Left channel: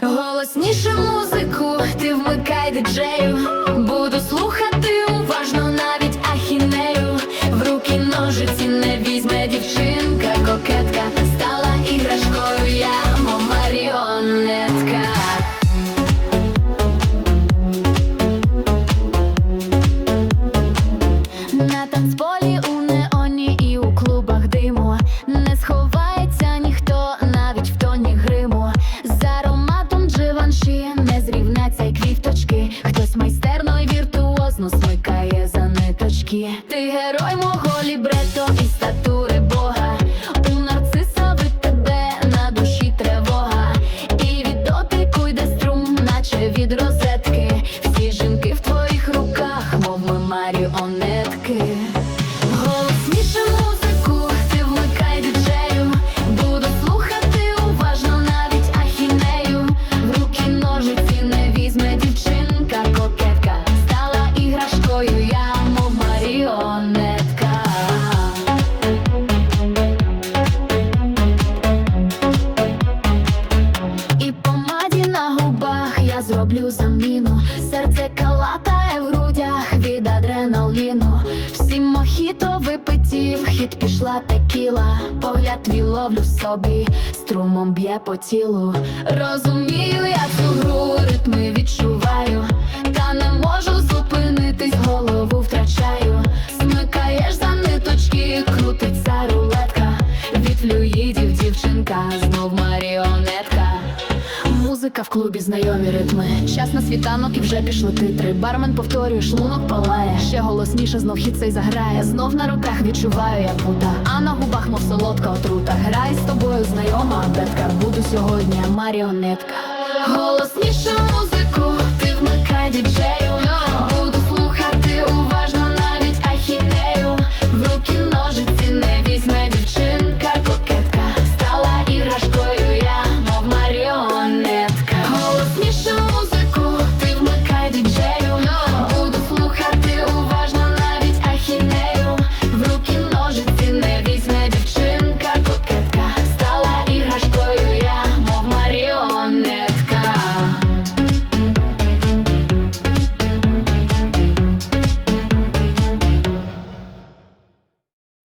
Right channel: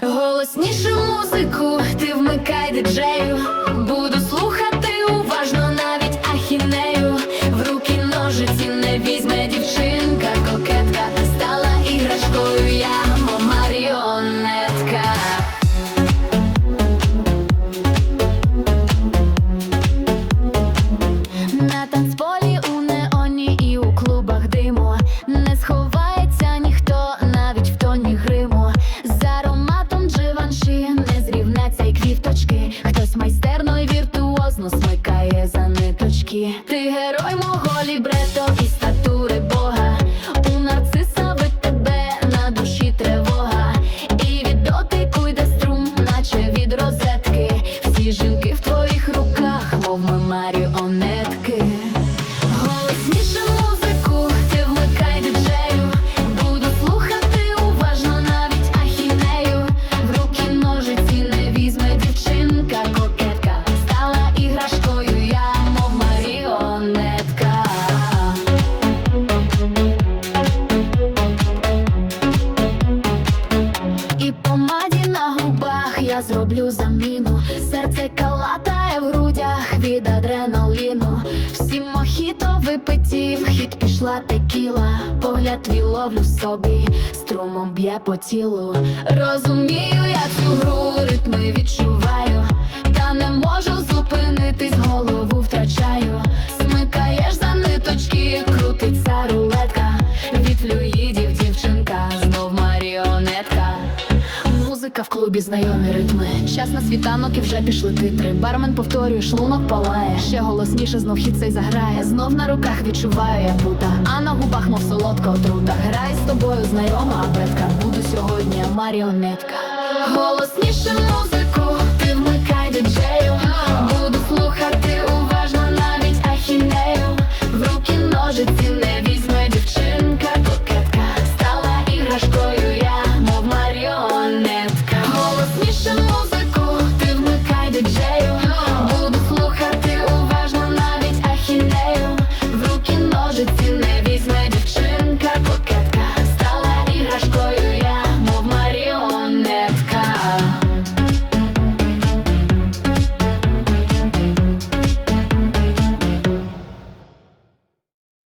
Голосніше музику, ти вмикай диджею. Буду слухати уважно навіть ахінею. В руки ножиці не візьме дівчинка, кокетка. Стала іграшкою, я маріонетка. На танцполі у неоні і у клубах диму Не сховається Ти герой мого лібрето і статури Бога. У нарциса від тебе на душі тривога. І від дотику йде струм, наче від розетки. Всі жінки в твоїх руках, мов ми маріонетки зроблю заміну. Серце калатає в грудях від адреналіну. Всі мохіто випиті, в хід пішла текіла. Погляд твій ловлю собі, струмом б'є по тілу. Розумію, я цю гру ритми відчуваю, та не можу зупинитись, голову втрачаю. Смикаєш за ниточки, крутиться рулетка. Від флюїдів дівчинка, знов маріонетка. Музика в клубі, знайомі ритми. Час на світанок і вже пішли титри. Бармен повторює, шлунок палає. Ще голосніше знов хід цей заграє. Знов на руках відчуваю я пута. А на губах, мов солодка отрута. Грай з тобою, знайома абетка. Буду сьогодні маріонетка. Голосніше музику, ти вмикай диджею.